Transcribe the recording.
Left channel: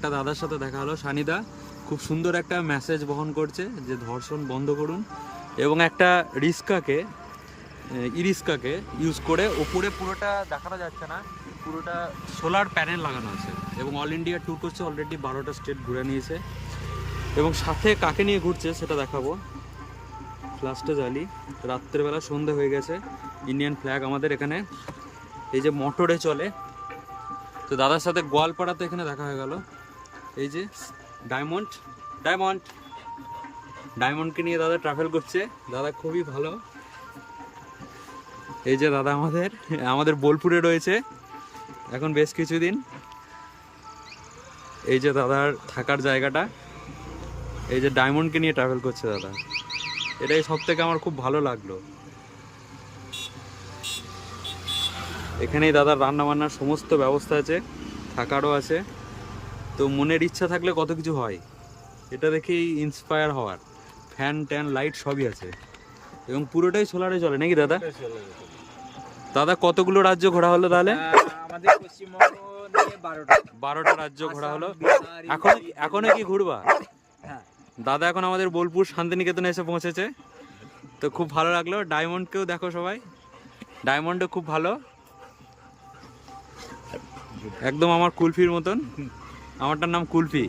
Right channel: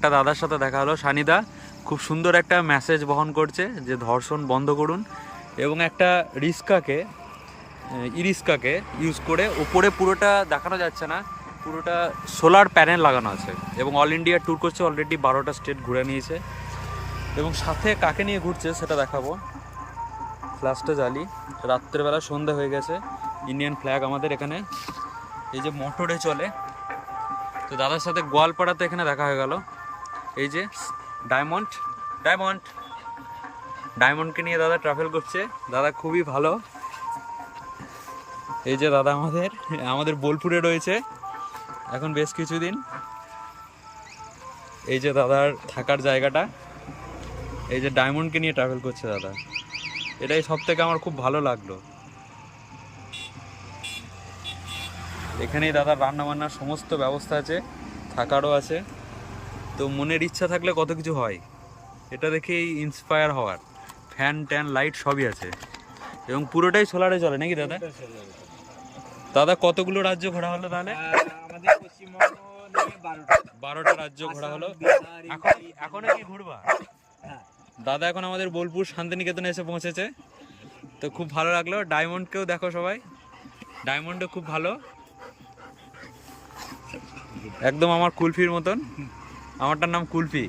একটা দাদার সাথে দেখা হলো, সানিদা খুব সুন্দর একটা মেসেজ বহন করছে যে ধর্ষণ বন্ধ করুন, এবং একটা রিস্কাকে ইউজ করে ওপরে পুরোটা দেখানো যাচ্ছে না, পুরোটা সোলার প্যানেল লাগানো আছে এবং অল ইন্ডিয়া ট্যুর করছে, অলরেডি 12টা স্টেট ঘুরে নিয়েছে এবং সাথে কাকে নিয়ে ঘুরছে সেটা দেখাবো। ফ্ল্যাশটা জ্বালি, রাত্রেবেলা সন্ধে হয়ে গেছে, ইন্ডিয়ান ফ্ল্যাগ আমাদের এখানে এই যে মোটরে চলে। তো দাদার সাথে গোয়ালপাড়াতে এখানে দেখা হয়ে গেল। এই যে ডায়মন্ডকে নিয়ে দাদা ট্রাভেল করছে, দাদা খুবই ভালো। এই যে দাদা আমাদের বোলপুরে রয়েছে এখন বেশ কিছুদিন। এই যে দাদার থাকার জায়গাটা, এই যে ডায়মন্ডকে নিয়ে ট্রাভেল করছে দাদা, এটাই সব থেকে আমার খুব ভালো লাগলো। এখানেই দাদার রান্না বান্নার সমস্ত ব্যবস্থা আছে, থাকারও আছে। তো মনের ইচ্ছা থাকলে কত কিছু হয়, এটা দেখেই ইন্সপায়ার হওয়ার। ফ্যান ট্যান লাইট সবই আছে এবং পুরোটাই সোলারে চলে নাকি দাদা? দাদা কতগুলো রাজ্য ঘোরা হলো তাহলে? আমাদের পশ্চিমবঙ্গ নিয়ে 12টা রাজ্য ঘোরা হলো। এখনো কি ঘুরবা? হ্যাঁ। দাদা এখন আমাদের বোলপুর শান্তিনিকেতনে এসে পৌঁছেছে, তো খুব ভালো লাগলো। ডায়মন্ডকেও দেখো সবাই, ডায়মন্ডও খুব ভালো, একদম আমার কুলফির মতন। আমারটার নাম কুলফি।